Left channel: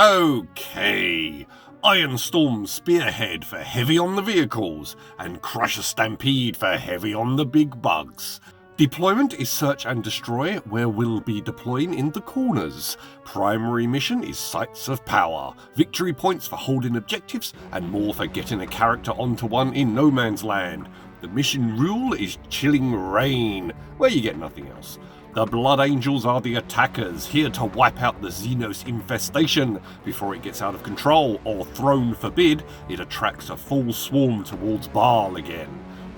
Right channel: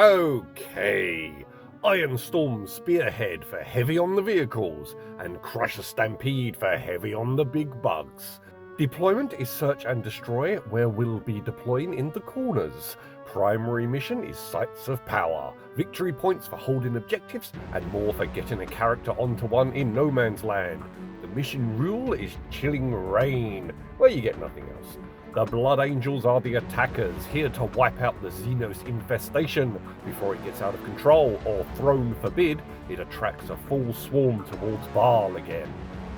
Okay, Ironstorm Spearhead for heavy on the vehicles, and Crusher Stampede for heavy on the big bugs. Deployment is search and destroy, where we'll be deploying in the corners. Primary mission is Sites of Power, victory points for holding objectives, and more for getting a character onto one in no man's land. The mission rule is Chilling Rain, where you get nothing else. The Blood Angels are the attackers, here to wipe out the Xenos infestation before it gets out of control, or throne forbid, it attracts a full swarm towards Baal again.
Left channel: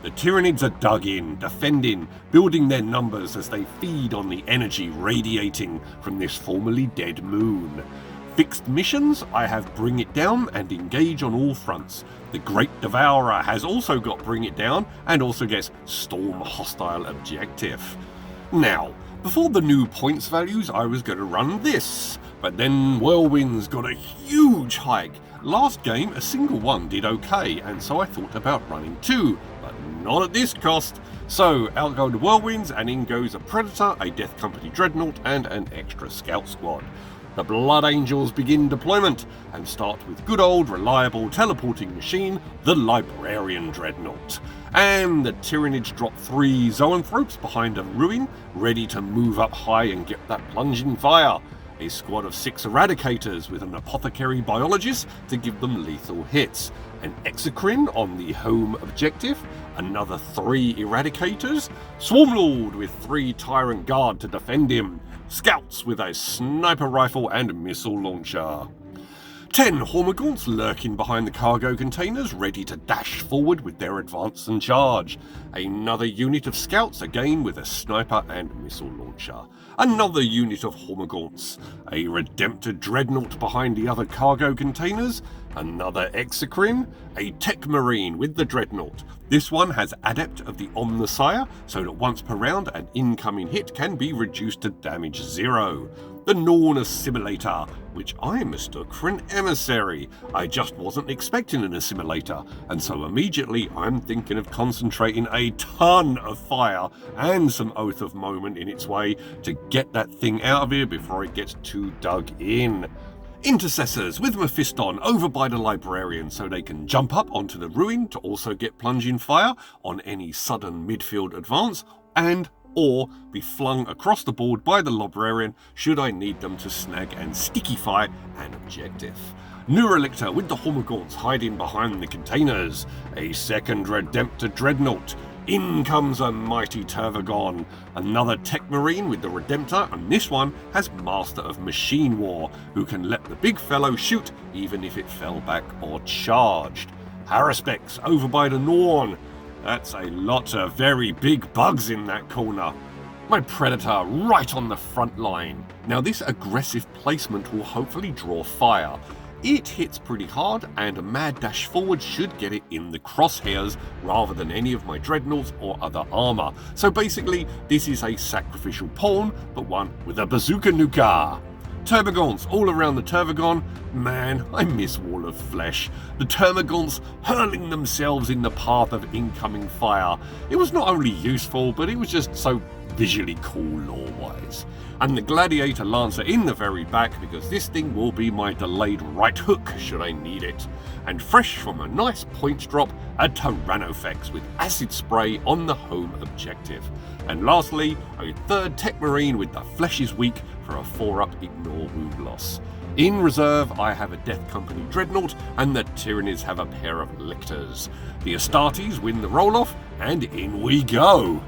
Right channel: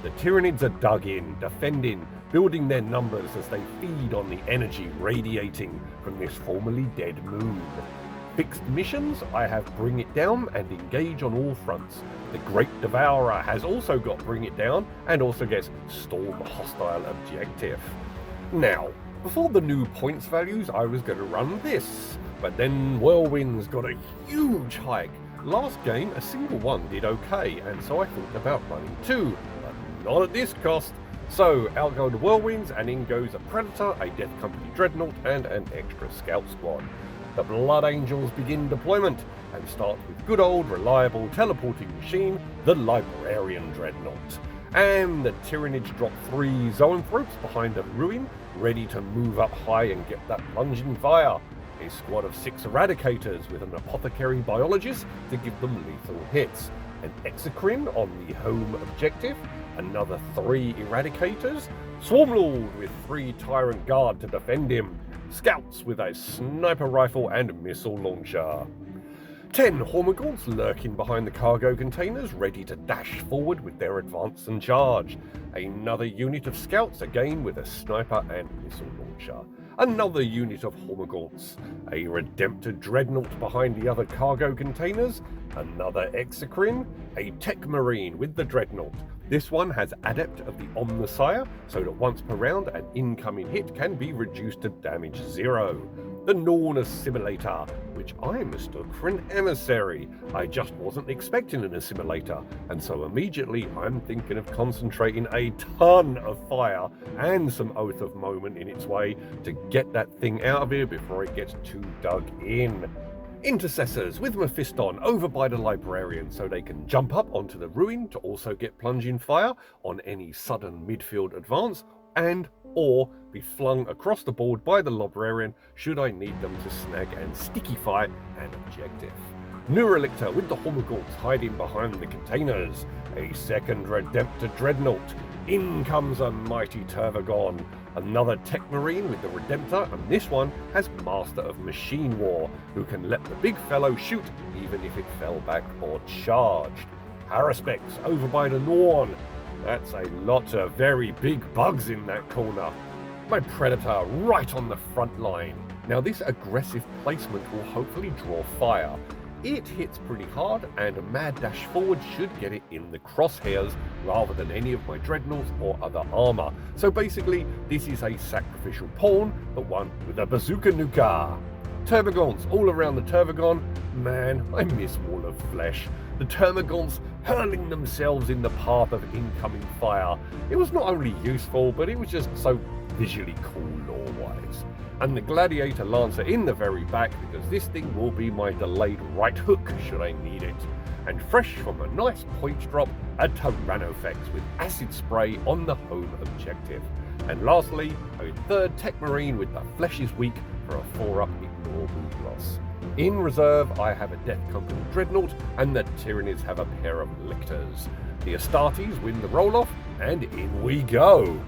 The Tyranids are dug in, defending, building their numbers as they feed on the energy radiating from this formerly dead moon. Fixed missions, I have Bring It Down and Engage on all fronts. The Great Devourer has also got Bring It Down and also gets Storm Hostile Objective. Now, before the new points values, I was going to run this, but then Whirlwinds got a huge hike. Last game, a single one did okay, and so I thought about running two, but not at this cost. So out go the Whirlwinds, and in goes a Predator, a Death Company Dreadnought, and an extra Scout Squad. The Blood Angels begin deployment, and start with good old reliable teleporting machine, the Librarian Dreadnought. And the Tyranids drop 3 Zoanthropes behind a ruin, ready to move up high and get that plunging fire. A squad of 6 Eradicators with an Apothecary Biologist to give them lethal hits. An Exocrine on the home objective, another 3 Eradicators, Swarmlord with 3 Tyrant Guard to defend him, Scouts with a Sniper Rifle and Missile Launcher. 10 Hormagaunts lurking behind the cargo containers, ready to dash forward with their advance and charge. Another unit of Scouts, again with a Sniper and Missile Launcher. Another unit of Hormagaunts. A Redemptor Dreadnought behind the other cargo containers. Another Exocrine. A Tech Marine with the Dreadnought. This one has Adept of the Omnissiah, so that once per round an incoming hit can be reduced to damage 0. The Norn Assimilator, which I mistook for an emissary. I just wasn't expecting an assimilator, and so immediately I'm thinking of concentrating a ton of fire and some Oath of Moment in its way to get that thing out of here before it gets too dug in. Intercessors with Mephiston over by the Librarian so they can jump up onto the ruin to also get plunging fire on any sudden midfield advance, and or be flung across the board by the Librarian should I need them to snag and stickify an objective. Neurolictor with the Hormagaunts hiding behind the containers. A second Redemptor Dreadnought. In comes a mighty Tervagon. Another Tech Marine with the Redemptor, and this one has Master of Machine War, who can let the big fellow shoot even if it fell back or charged. Haruspex over by the Norn. That's a lot of very big bugs in that corner. My Predator right on the front line. Now this aggressive placement will hopefully draw fire. It hits pretty hard, and a mad dash forward should get it in the crosshairs rather than any of my dreadnoughts or other armour. So basically, this is a sacrificial pawn, but one with a bazooka nuka. Termagants all around the Tervagon. Man, I miss Wall of Flesh. The Termagants hurling themselves in the path of incoming fire. It was not only useful, but it was just so visually cool lore-wise. And the Gladiator Lancer in the very back, because this thing will be my delayed right hook should I need it. And fresh from a nice points drop, a Tyrannofex with acid spray on the home objective. And lastly, a third Tech Marine with the Flesh is Weak for a 4-up ignore wound loss. In reserve, I have a Death Company Dreadnought, and the Tyranids have a pair of Lictors. The Astartes win the roll-off, and in we go!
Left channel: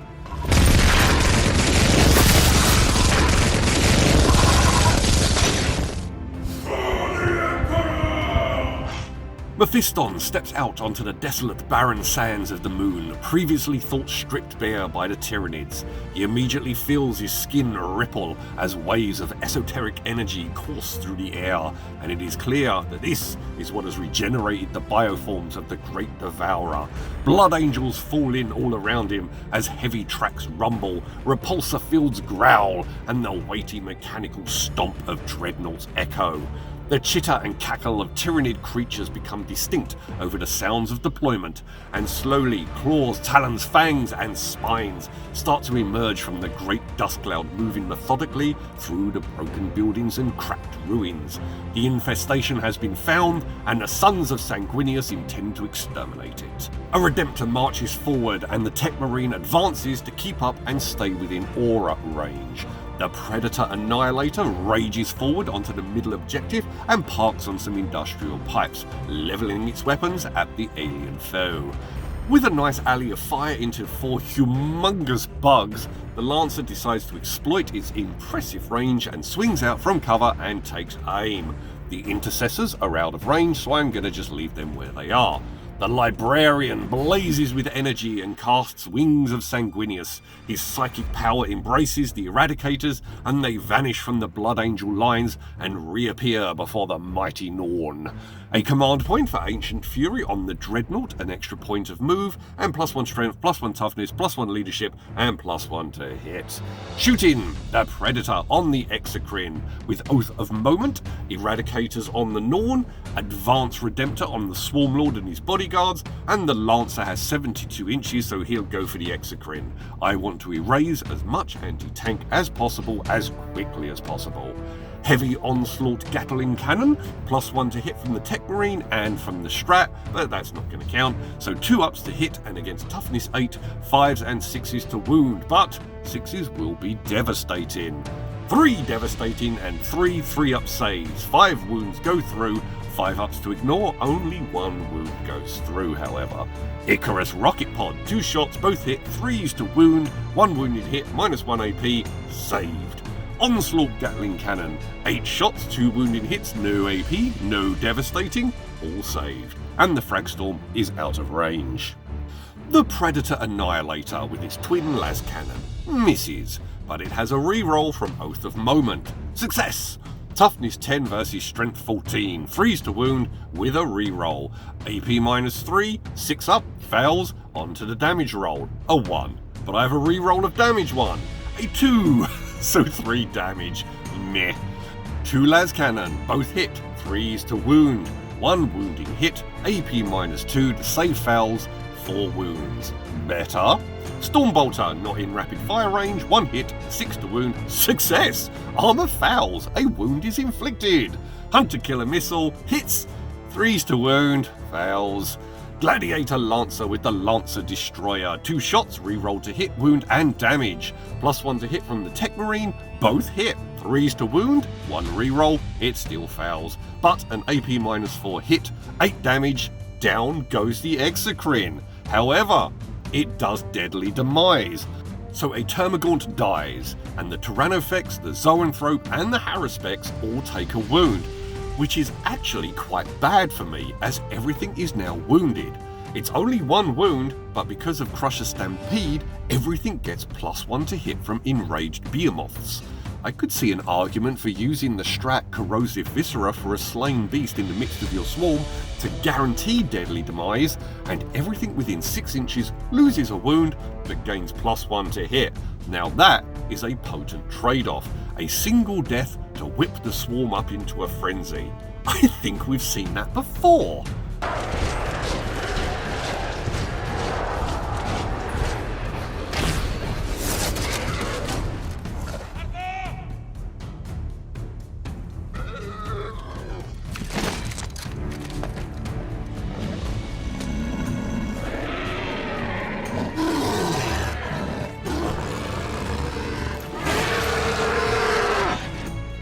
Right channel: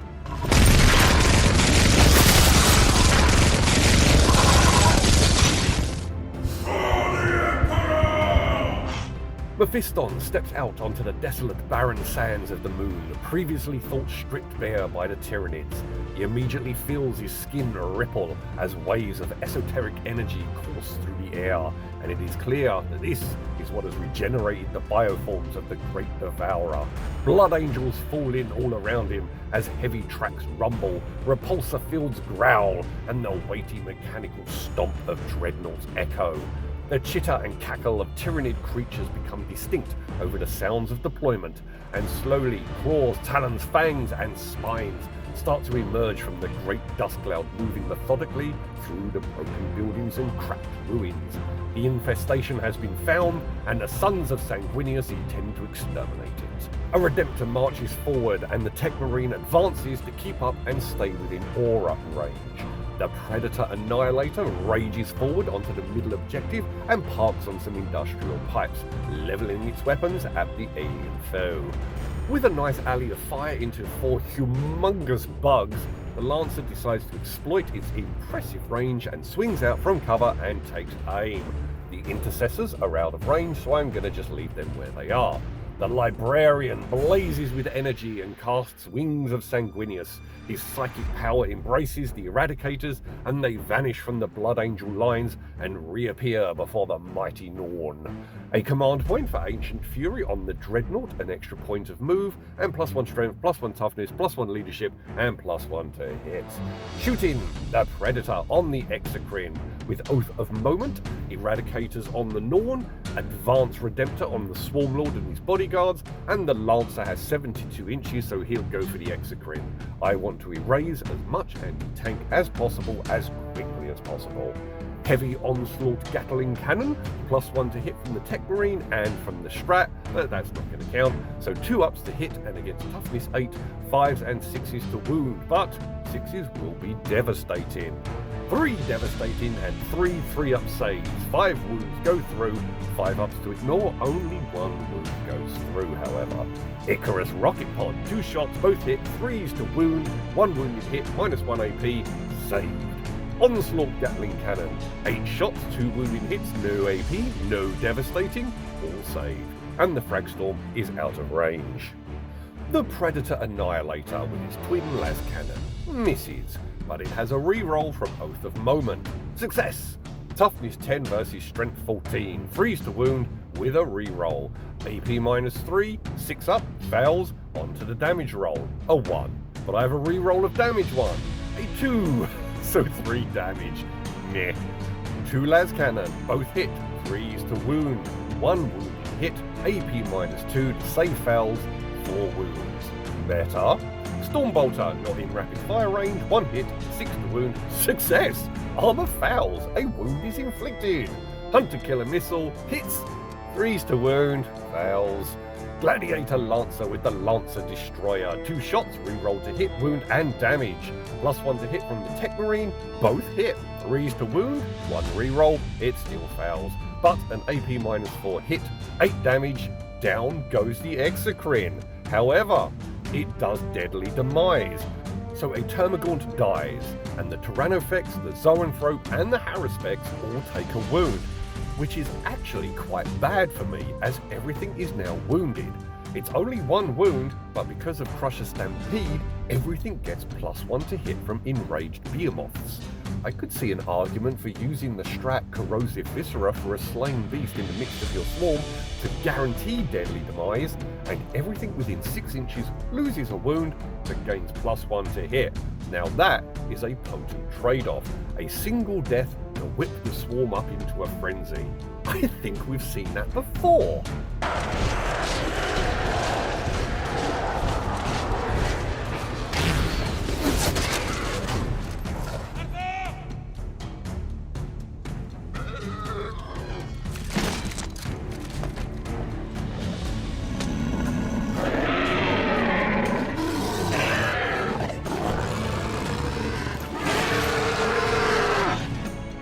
Mephiston steps out onto the desolate barren sands of the moon, previously thought stripped bare by the Tyranids. He immediately feels his skin ripple as waves of esoteric energy course through the air, and it is clear that this is what has regenerated the bioforms of the Great Devourer. Blood Angels fall in all around him as heavy tracks rumble, repulsor fields growl, and the weighty mechanical stomp of Dreadnoughts echo. The chitter and cackle of Tyranid creatures become distinct over the sounds of deployment, and slowly claws, talons, fangs, and spines start to emerge from the great dust cloud, moving methodically through the broken buildings and cracked ruins. The infestation has been found, and the sons of Sanguinius intend to exterminate it. A Redemptor marches forward, and the Tech Marine advances to keep up and stay within aura range. The Predator Annihilator rages forward onto the middle objective and parks on some industrial pipes, levelling its weapons at the alien foe. With a nice alley of fire into 4 humongous bugs, the Lancer decides to exploit its impressive range and swings out from cover and takes aim. The Intercessors are out of range, so I'm gonna just leave them where they are. The Librarian blazes with energy and casts Wings of Sanguinius. His psychic power embraces the Eradicators, and they vanish from the Blood Angel lines and reappear before the mighty Norn. A command point for Ancient Fury on the Dreadnought, an extra point of move, and +1 strength, +1 toughness, +1 leadership, and +1 to hit. Shooting the Predator on the Exocrine with Oath of Moment, Eradicators on the Norn, Advanced Redemptor on the Swarmlord and his bodyguards, and the Lancer has 72 inches, so he'll go for the Exocrine. I want to erase as much anti-tank as possible as quickly as possible. Heavy Onslaught Gatling Cannon, +1 to hit from the Tech Marine and from the Strat, but that's not going to count, so 2 ups to hit and against Toughness 8, 5s and 6s to wound, but 6s will be devastating. 3 devastating and 3 3-up saves, 5 wounds go through, 5 ups to ignore, only 1 wound goes through however. Icarus Rocket Pod, 2 shots, both hit, 3s to wound, 1 wounded hit, -1 AP, saved. Onslaught Gatling Cannon, 8 shots, 2 wounded hits, no AP, no devastating, all saved. And the Fragstorm is out of range. The Predator Annihilator with its twin las cannon misses, but it has a reroll from Oath of Moment. Success! Toughness 10 versus Strength 14, 3s to wound with a reroll. AP -3, 6 up, fails, onto the damage roll. A 1, but I have a reroll of damage 1. A 2, so 3 damage. Meh. 2 las cannon, both hit, 3s to wound, 1 wounding hit, AP -2 to save fails, 4 wounds. Better. Stormbolter, not in rapid fire range, 1 hit, 6 to wound, success! Armor fails, a wound is inflicted. Hunter Killer Missile, hits, 3s to wound, fails. Gladiator Lancer with the Lancer Destroyer, 2 shots, reroll to hit, wound and damage. +1 to hit from the Tech Marine, both hit, 3s to wound, 1 reroll, it still fails. But an AP -4 hit, 8 damage, down goes the Exocrine. However, it does deadly demise. So a Termagaunt dies, and the Tyrannofex, the Zoanthrope and the Haruspex all take a wound, which is actually quite bad for me as everything is now wounded. It's only 1 wound, but because of Crusher Stampede, everything gets +1 to hit from enraged behemoths. I could see an argument for using the Strat Corrosive Viscera for a slain beast in the midst of your swarm to guarantee deadly demise, and everything within 6 inches loses a wound but gains +1 to hit. Now that is a potent trade-off, a single death to whip the swarm up into a frenzy. I think we've seen that before.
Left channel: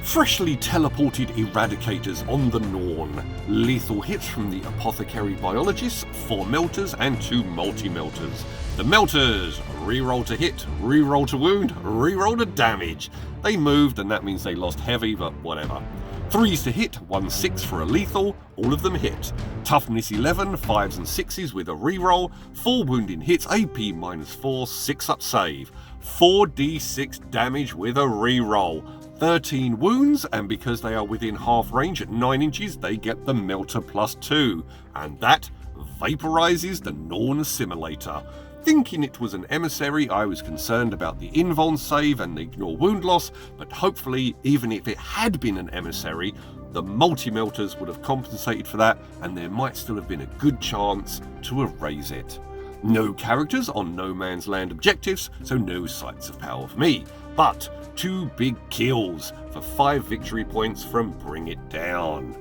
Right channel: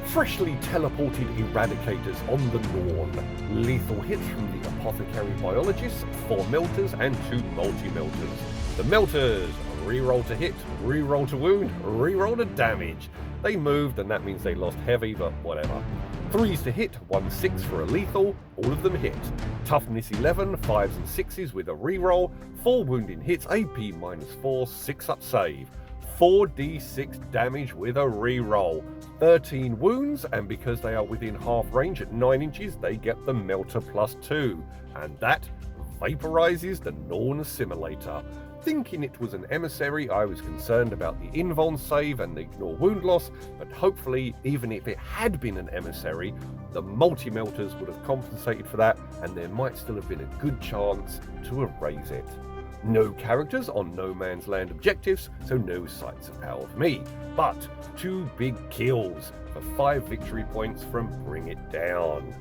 Freshly teleported Eradicators on the Norn. Lethal hits from the Apothecary Biologists, 4 Melters and 2 Multi-Melters. The Melters, reroll to hit, reroll to wound, reroll to damage. They moved and that means they lost heavy, but whatever. 3s to hit, 1 6 for a lethal, all of them hit. Toughness 11, 5s and 6s with a reroll, 4 wounding hits, AP -4, 6 up save. 4d6 damage with a reroll. 13 wounds, and because they are within half range at 9 inches, they get the Melter +2, and that vaporizes the Norn Assimilator. Thinking it was an emissary, I was concerned about the invuln save and the ignore wound loss, but hopefully, even if it had been an emissary, the multi-melters would have compensated for that, and there might still have been a good chance to erase it. No characters on No Man's Land objectives, so no sites of power for me, but 2 big kills for 5 victory points from Bring It Down.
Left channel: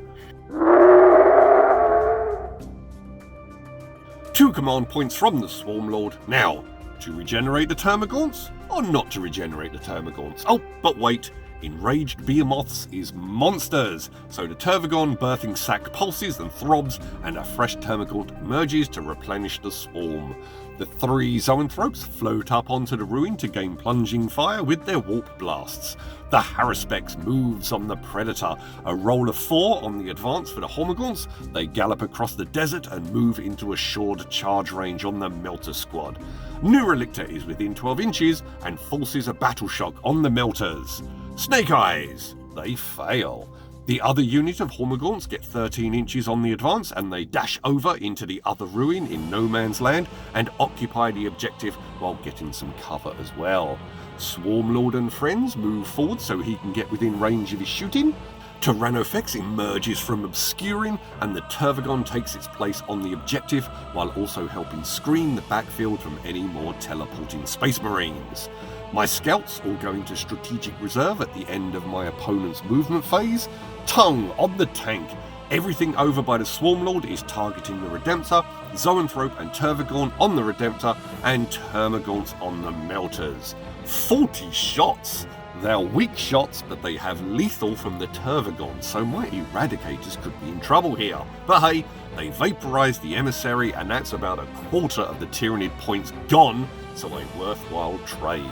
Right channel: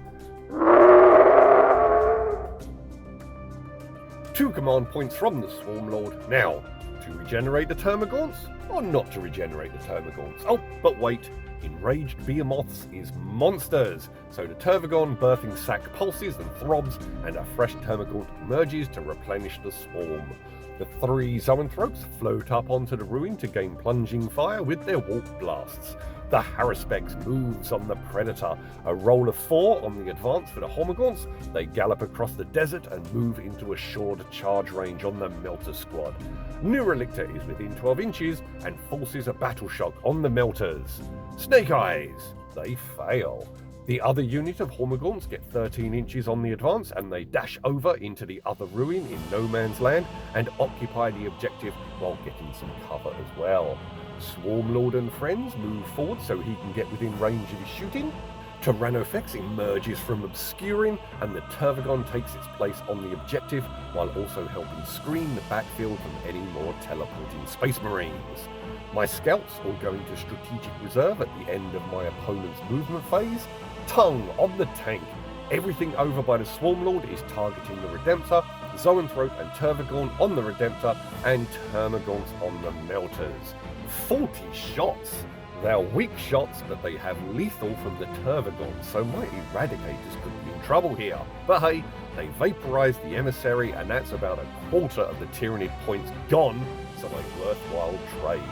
2 command points from the Swarmlord. Now, to regenerate the Termagants, or not to regenerate the Termagants? Oh, but wait, enraged behemoths is monsters, so the Tervagon birthing sac pulses and throbs, and a fresh Termagant emerges to replenish the swarm. The 3 Zoanthropes float up onto the ruin to gain plunging fire with their warp blasts. The Haruspex moves on the Predator, a roll of 4 on the advance for the Hormagaunts. They gallop across the desert and move into assured charge range on the Melter Squad. Neurolictor is within 12 inches and forces a battle shock on the Melters. Snake Eyes, they fail. The other unit of Hormagaunts get 13 inches on the advance and they dash over into the other ruin in No Man's Land and occupy the objective while getting some cover as well. Swarmlord and friends move forward so he can get within range of his shooting. Tyrannofex emerges from obscuring and the Tervagon takes its place on the objective while also helping screen the backfield from any more teleporting Space Marines. My scouts all go into strategic reserve at the end of my opponent's movement phase. Tongue on the tank. Everything over by the Swarmlord is targeting the Redemptor, Zoanthrope and Tervagon on the Redemptor, and Termagants on the Melters. 40 shots! They're weak shots, but they have lethal from the Tervagon, so my Eradicators could be in trouble here. But hey, they vaporize the Emissary, and that's about a quarter of the Tyranid points gone, so a worthwhile trade.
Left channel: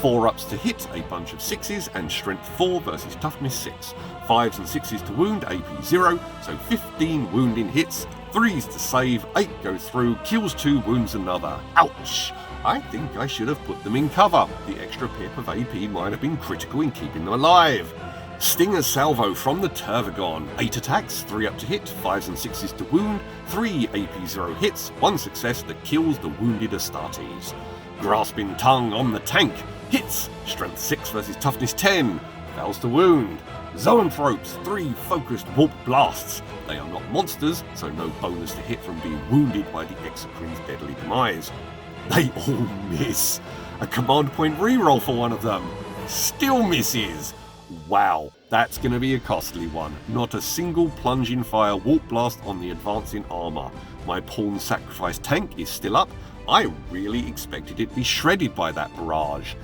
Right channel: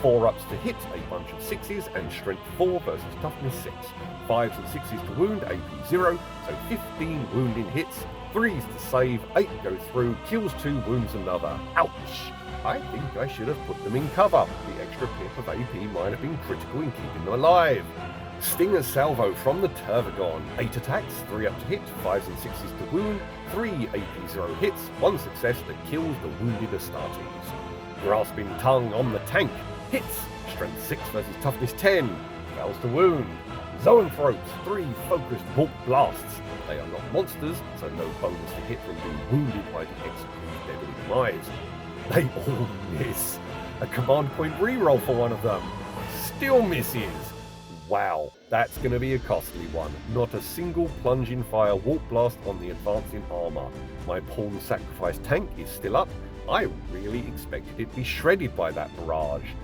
4 ups to hit, a bunch of 6s, and strength 4 versus toughness 6. 5s and 6s to wound, AP 0, so 15 wounding hits. 3s to save, 8 go through, kills 2, wounds another. Ouch! I think I should have put them in cover. The extra pip of AP might have been critical in keeping them alive. Stinger Salvo from the Tervagon. 8 attacks, 3 up to hit, 5s and 6s to wound, 3 AP 0 hits, 1 success that kills the wounded Astartes. Grasping Tongue on the tank. Hits, strength 6 versus toughness 10, fails to wound. Zoanthropes, 3 focused warp blasts. They are not monsters, so no bonus to hit from being wounded by the Execree's deadly demise. They all miss. A command point reroll for one of them. Still misses. Wow, that's going to be a costly one. Not a single plunging fire warp blast on the advancing armour. My pawn sacrifice tank is still up. I really expected it to be shredded by that barrage.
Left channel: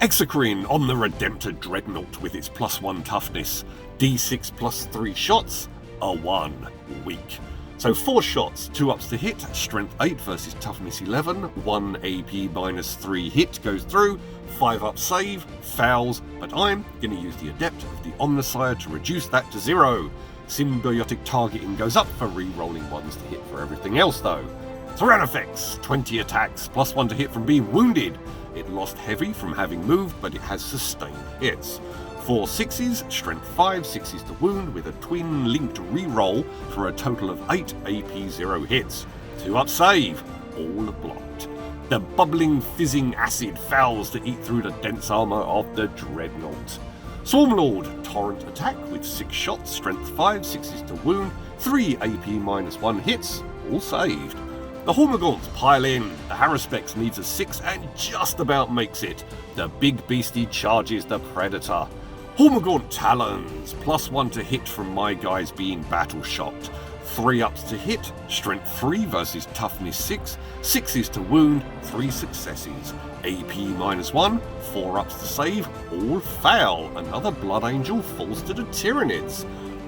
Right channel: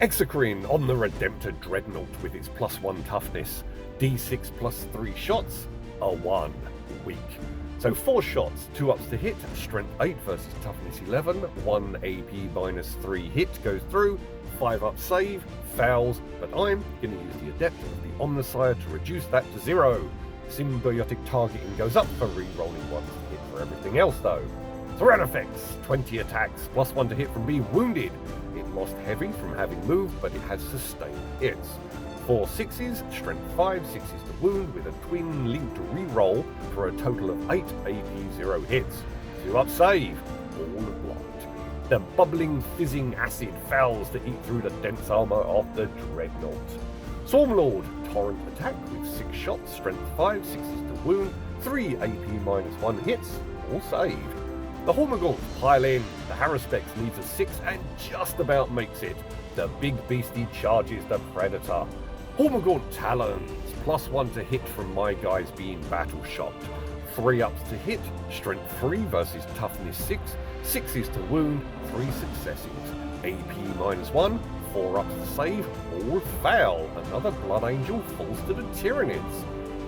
Execreen on the Redemptor Dreadnought with its +1 toughness. D6 plus 3 shots, a 1. Weak. So 4 shots, 2 ups to hit, strength 8 versus toughness 11, 1 AP -3 hit goes through, 5 up save, fails, but I'm going to use the Adept of the Omnissiah to reduce that to 0. Symbiotic targeting goes up for re-rolling 1s to hit for everything else though. Tyrannofex, 20 attacks, +1 to hit from being wounded. It lost heavy from having moved, but it has sustained hits. 4 6s, strength 5, 6s to wound with a twin linked reroll for a total of 8 AP 0 hits. 2 up save, all blocked. The bubbling fizzing acid fails to eat through the dense armour of the Dreadnought. Swarmlord, torrent attack with 6 shots, strength 5, 6s to wound, 3 AP -1 hits, all saved. The Hormagaunts pile in, the Haruspex needs a 6 and just about makes it. The big beastie charges the Predator. Hormagaunt Talons, +1 to hit from my guys being battle shocked. 3 ups to hit, strength 3 versus toughness 6, 6s to wound, 3 successes. AP -1, 4 ups to save, all fail. Another Blood Angel falls to the Tyranids.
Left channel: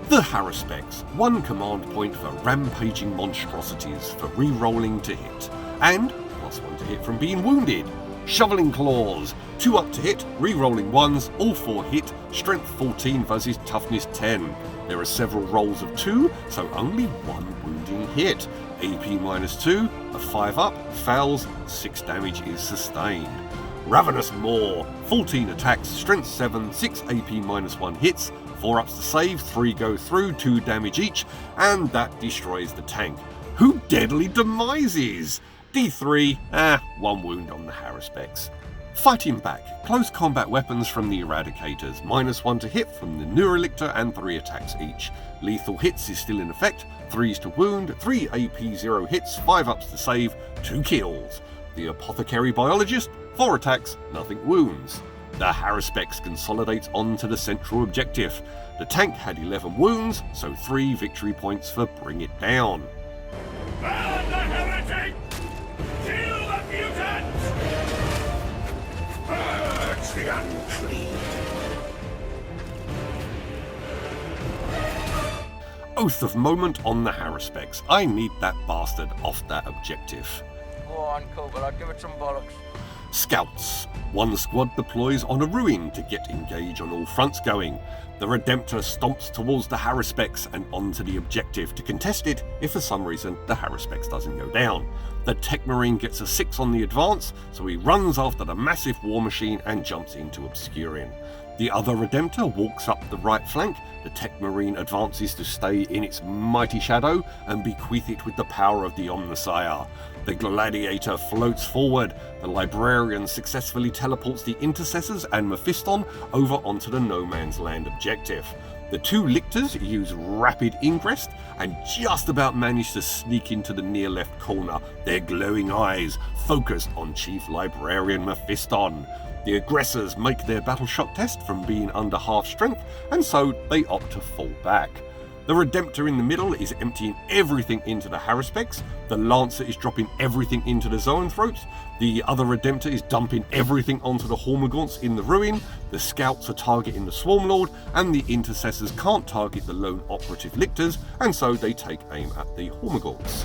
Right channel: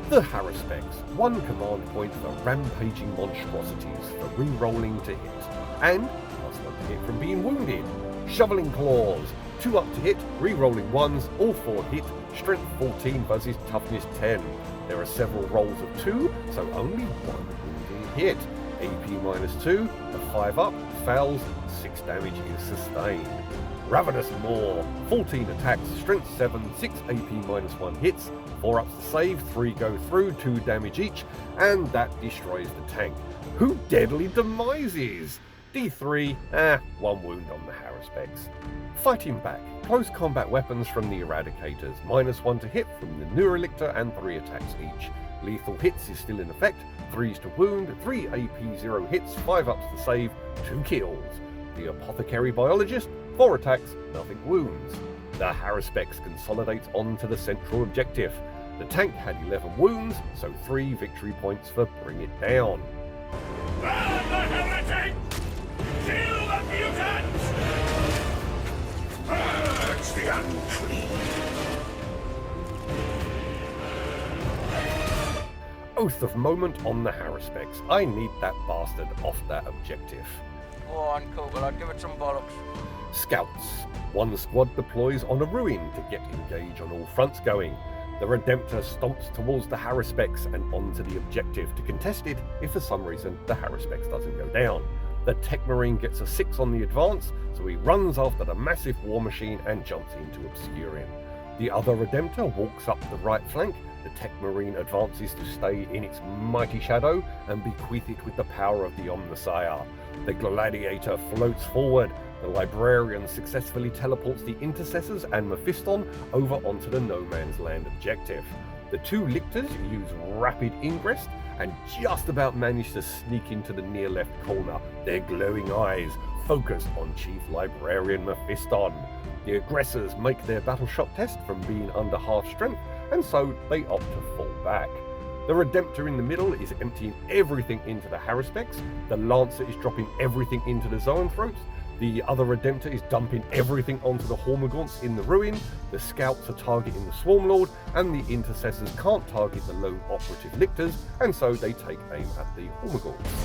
The Haruspex, 1 command point for rampaging monstrosities for re-rolling to hit, and +1 to hit from being wounded. Shoveling Claws, 2 up to hit, re-rolling 1s, all 4 hit, strength 14 versus toughness 10. There are several rolls of 2, so only 1 wounding hit. AP -2, a 5 up, fails, 6 damage is sustained. Ravenous Maw, 14 attacks, strength 7, 6 AP -1 hits, 4 ups to save, 3 go through, 2 damage each, and that destroys the tank, who deadly demises. D3, 1 wound on the Haruspex. Fighting back, Close combat weapons from the Eradicators, -1 to hit from the Neurolictor and 3 attacks each. Lethal hits is still in effect, 3s to wound, 3 AP 0 hits, 5 ups to save, 2 kills. The Apothecary Biologist, 4 attacks, nothing wounds. The Haruspex consolidates onto the central objective. The tank had 11 wounds, so 3 victory points for Bring It Down. Burn the heretic! Kill the mutants! Purge the unclean! Oath of Moment on the Haruspex. I need that bastard off that objective. Go on, Kugel, I'd give it some bollocks. Scouts. One squad deploys on a ruin to get engaged on all fronts going. The Redemptor stomps towards the Haruspex and onto the objective to contest it if for some reason the Haruspex doesn't go down. The Tech Marine gets a 6 on the advance, so he runs after the massive war machine and jumps in to obscure him. The other Redemptor walks up the right flank. The Tech Marine advances to stay in its mighty shadow and bequeath it with the power of the Omnissiah. The Gladiator floats forward. The Librarian successfully teleports the Intercessors and Mephiston over onto the No Man's Land objective. The 2 Lictors use rapid ingress and just about manage to sneak into the near left corner, their glowing eyes focused on Chief Librarian Mephiston. The aggressors make their battle shock test from being under half strength, and so they opt to fall back. The Redemptor in the middle is emptying everything into the Haruspex, the Lancer is dropping everything into the Zoanthropes, the other Redemptor is dumping everything onto the Hormagaunts in the ruin, the Scouts are targeting the Swarmlord, and the Intercessors can't target the lone operative Lictors, and so they take aim at the Hormagaunts.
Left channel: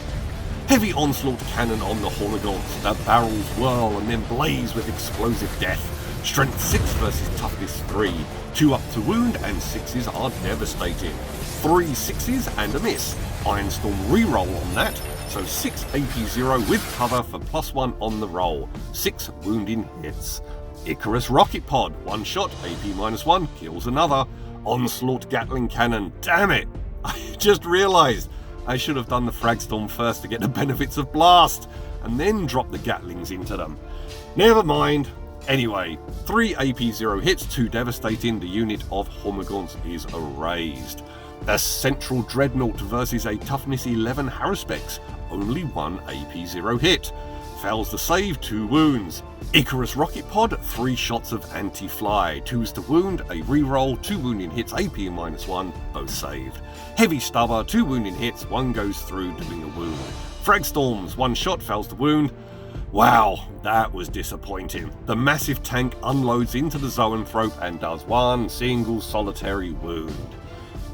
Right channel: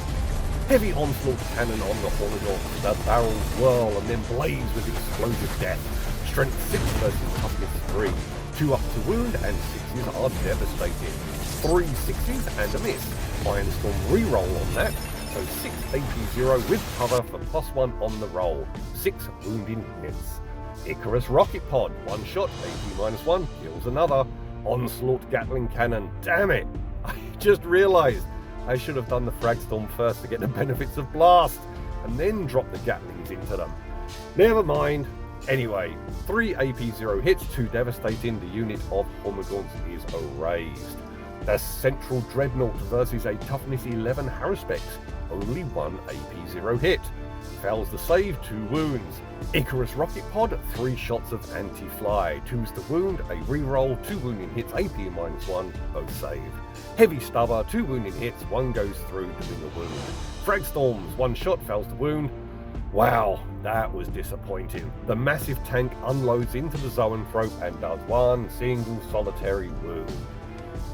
Heavy onslaught cannon on the Hormagaunts, the barrels whirl and then blaze with explosive death. Strength 6 versus toughness 3. 2 up to wound and 6s are devastated. 3 6s and a miss. Ironstorm reroll on that, so 6 AP 0 with cover for +1 on the roll. 6 wounding hits. Icarus Rocket Pod, 1 shot, AP -1, kills another. Onslaught Gatling Cannon, damn it! I just realised I should have done the Fragstorm first to get the benefits of Blast, and then drop the Gatlings into them. Never mind. Anyway, 3 AP 0 hits, 2 devastating, the unit of Hormagaunts is erased. The Central Dreadnought versus a Toughness 11 Haruspex, only 1 AP 0 hit. Fails the save, 2 wounds. Icarus Rocket Pod, 3 shots of anti-fly, 2s to wound, a reroll, 2 wounding hits, AP -1, both saved. Heavy Stubber, 2 wounding hits, 1 goes through doing the wound. Fragstorms, 1 shot, fails to wound. Wow, that was disappointing. The massive tank unloads into the Zoanthrope and does 1 single solitary wound.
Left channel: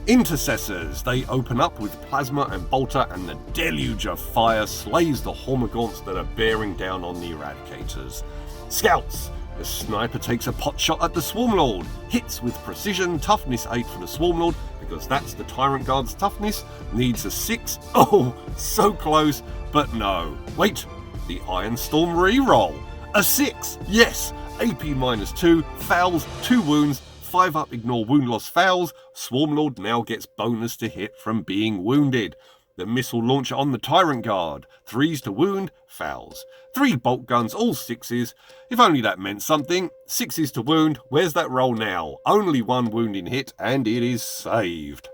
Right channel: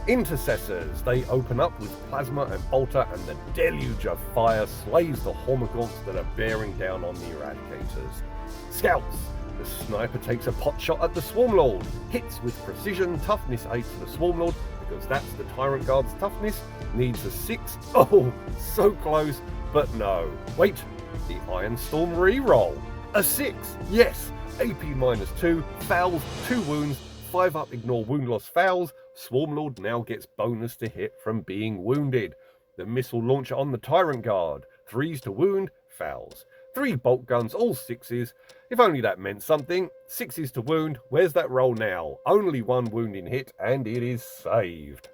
Intercessors, they open up with Plasma and Bolter, and the deluge of fire slays the Hormagaunts that are bearing down on the Eradicators. Scouts, the sniper takes a pot shot at the Swarmlord, hits with precision, toughness 8 for the Swarmlord, because that's the Tyrant Guard's toughness, needs a 6. Oh, so close, but no. Wait, the Ironstorm reroll. A 6, yes, AP -2, fails, 2 wounds, 5 up, ignore wound loss fails. Swarmlord now gets bonus to hit from being wounded. The missile launcher on the Tyrant Guard, 3s to wound, fails. 3 bolt guns, all 6s. If only that meant something. 6s to wound, where's that roll now? Only 1 wounding hit, and it is saved.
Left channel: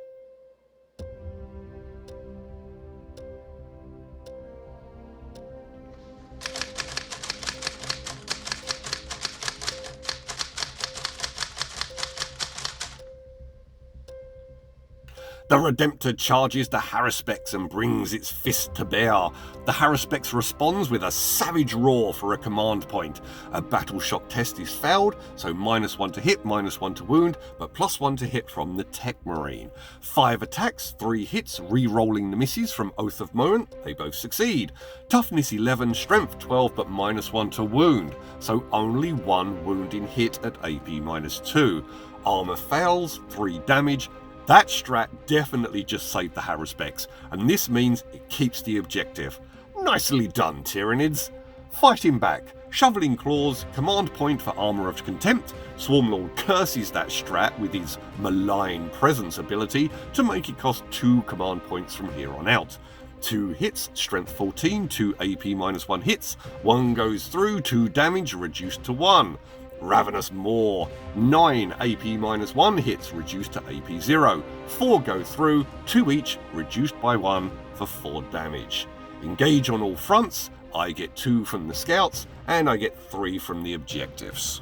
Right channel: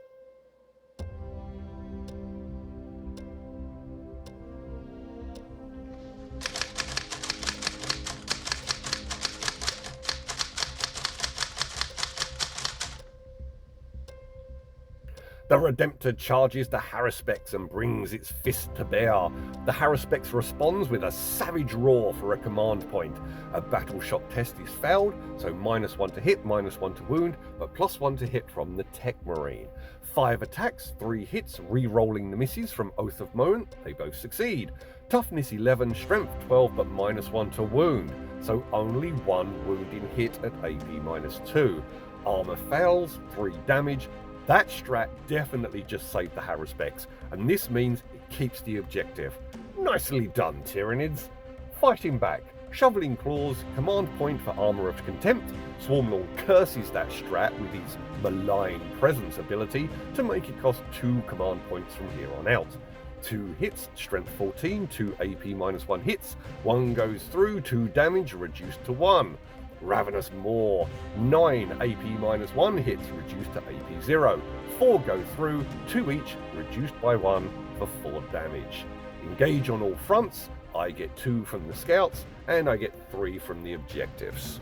The Redemptor charges the Haruspex and brings its fist to bear. The Haruspex responds with a savage roar for a command point. A battle shock test is failed, so -1 to hit, -1 to wound, but +1 to hit from the Tech Marine. 5 attacks, 3 hits, re-rolling the misses from Oath of Moment, they both succeed. Toughness 11, strength 12, but -1 to wound, so only 1 wounding hit at AP -2. Armor fails, 3 damage. That strat definitely just saved the Haruspex, and this means it keeps the objective. Nicely done, Tyranids. Fighting back, shoveling claws, command point for Armor of Contempt. Swarmlord curses that strat with his malign presence ability to make it cost 2 command points from here on out. 2 hits, strength 14, 2 AP -1 hits, 1 goes through, 2 damage reduced to 1. Ravenous Maw, 9 AP-1 hits reduced to AP 0. 4 go through, 2 each, reduced by 1 for 4 damage. Engage on all fronts, I get 2 from the scouts, and I get 3 from the objectives.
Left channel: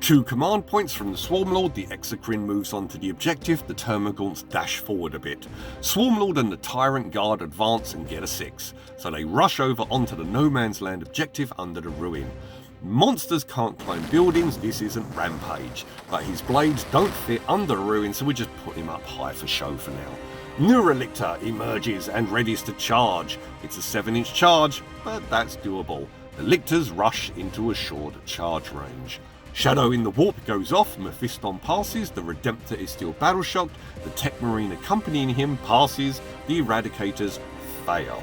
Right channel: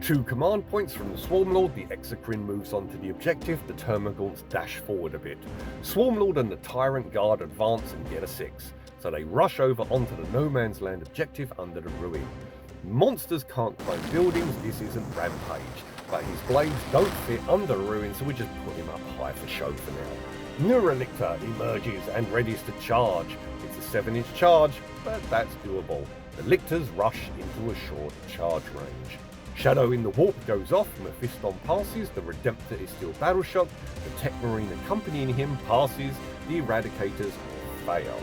2 command points from the Swarmlord, the Ixoi moves on to the objective, the Termagants dash forward a bit. Swarmlord and the Tyrant Guard advance and get a 6, so they rush over onto the No Man's Land objective under the ruin. Monsters can't climb buildings, this isn't Rampage, but his blades don't fit under the ruin, so we just put him up high for show for now. Neuralictor emerges and readies to charge. It's a 7-inch charge, but that's doable. The Lictors rush into a short charge range. Shadow in the Warp goes off, Mephiston passes, the Redemptor is still battle-shocked, the Tech Marine accompanying him passes, the Eradicators fail.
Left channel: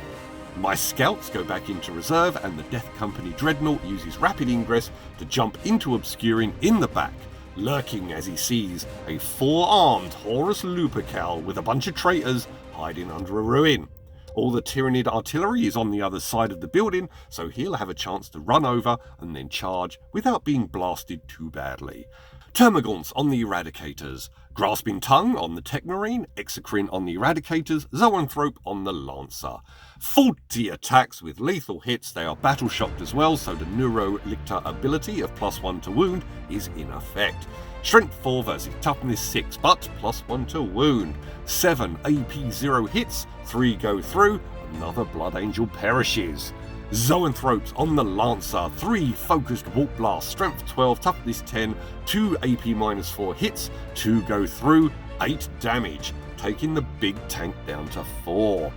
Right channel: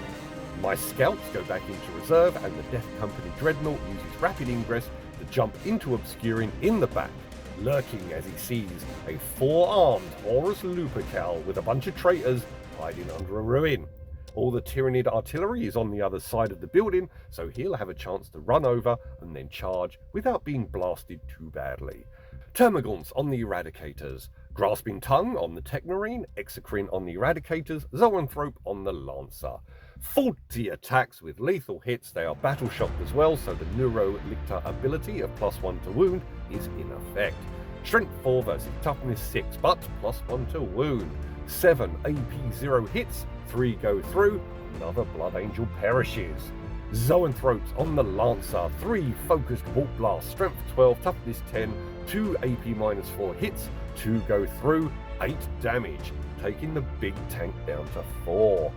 My scouts go back into reserve and the Death Company Dreadnought uses rapid ingress to jump into Obscuring in the back, lurking as he sees a 4-armed Horus Lupercal with a bunch of traitors hiding under a ruin. All the Tyranid artillery is on the other side of the building, so he'll have a chance to run over and then charge without being blasted too badly. Termagants on the Eradicators, Grasping Tongue on the Tech Marine, Ixoi on the Eradicators, Zoanthrope on the Lancer. 40 attacks with lethal hits, they are battle shocked as well, so the Neuralictor ability of +1 to wound is in effect. Strength 4 versus Toughness 6, but +1 to wound. 7 AP 0 hits, 3 go through, another Blood Angel perishes. Zoanthropes on the Lancer, 3 focused Warp Blast, Strength 12, Toughness 10, 2 AP-4 hits, 2 go through, 8 damage, taking the big tank down to 4.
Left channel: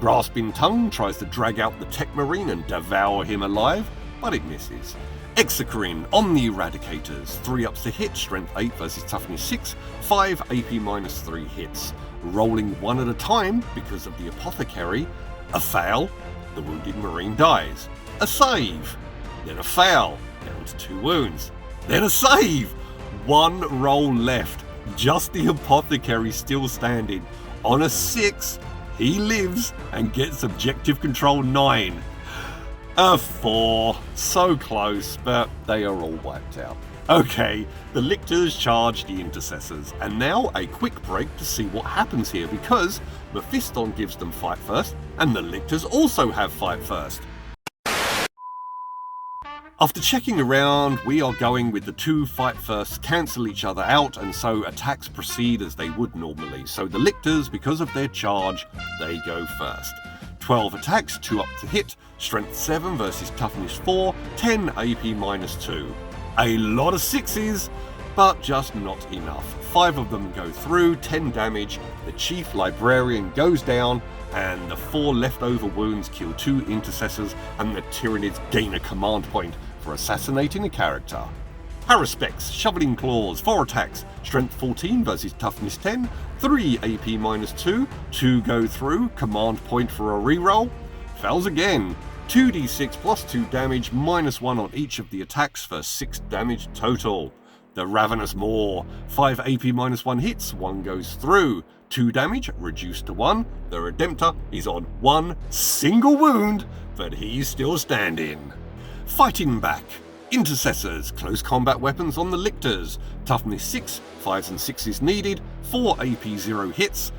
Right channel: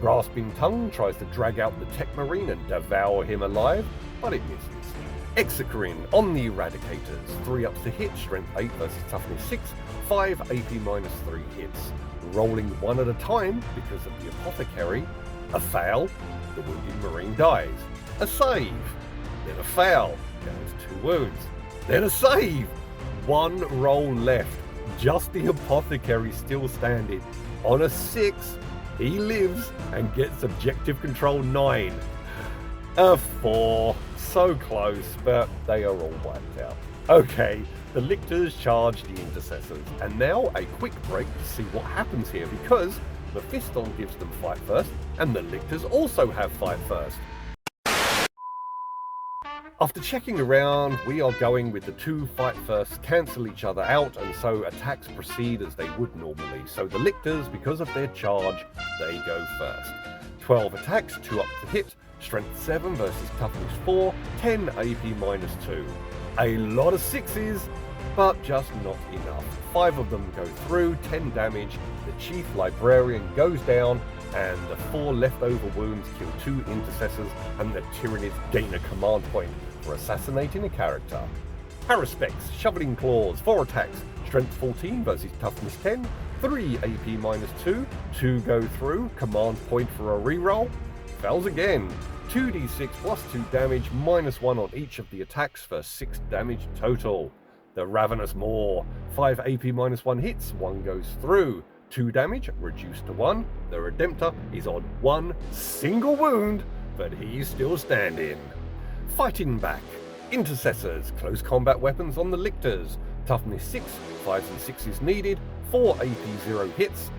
Grasping Tongue tries to drag out the Tech Marine and devour him alive, but it misses. Ixoi on the Eradicators, 3 ups to hit, Strength 8 versus Toughness 6, 5 AP-3 hits. Rolling 1 at a time because of the Apothecary, a fail, the wounded Marine dies. A save, then a fail, down to 2 wounds, then a save. 1 roll left, just the Apothecary still standing. On a 6, he lives and gets objective control 9. A 4, so close, but they are all wiped out. Okay, the Lictors charge the Intercessors, and now a quick break to see what happens here, because Mephiston gives them fight first, and the Lictors also have fight first. After checking around, we are going with the 2 fight firsts cancel each other out, and so attacks proceed as they would normally. So the Lictors, because of their charge, they go first. 12 attacks, 2 up to hit, Strength 7 versus Toughness 4, 10 AP-2. A lot of 6s, but just not enough. 5 of them go through, 10 damage, the Chief Librarian goes down, and the 4 leftover wounds kill 2 Intercessors, and the Tyranids gain a command point for assassinating a character. Haruspex, Shoveling Claws, 4 attacks, Strength 14 versus Toughness 10, 3 AP-2, 2 go through, command point for a reroll, fails again, 2d6 plus 2 damage, -1 on each of the attacks for 6 damage total. The Ravenous Maw, 5 AP-1 hits, 1 goes through, 2 damage, reduced to 1. The Redemptor is on 1 single wound, but he's still standing. Fighting back. Intercessors, close combat weapons on the Lictors. Toughness 6, 5s and 6s needed, 4 AP-0 hits,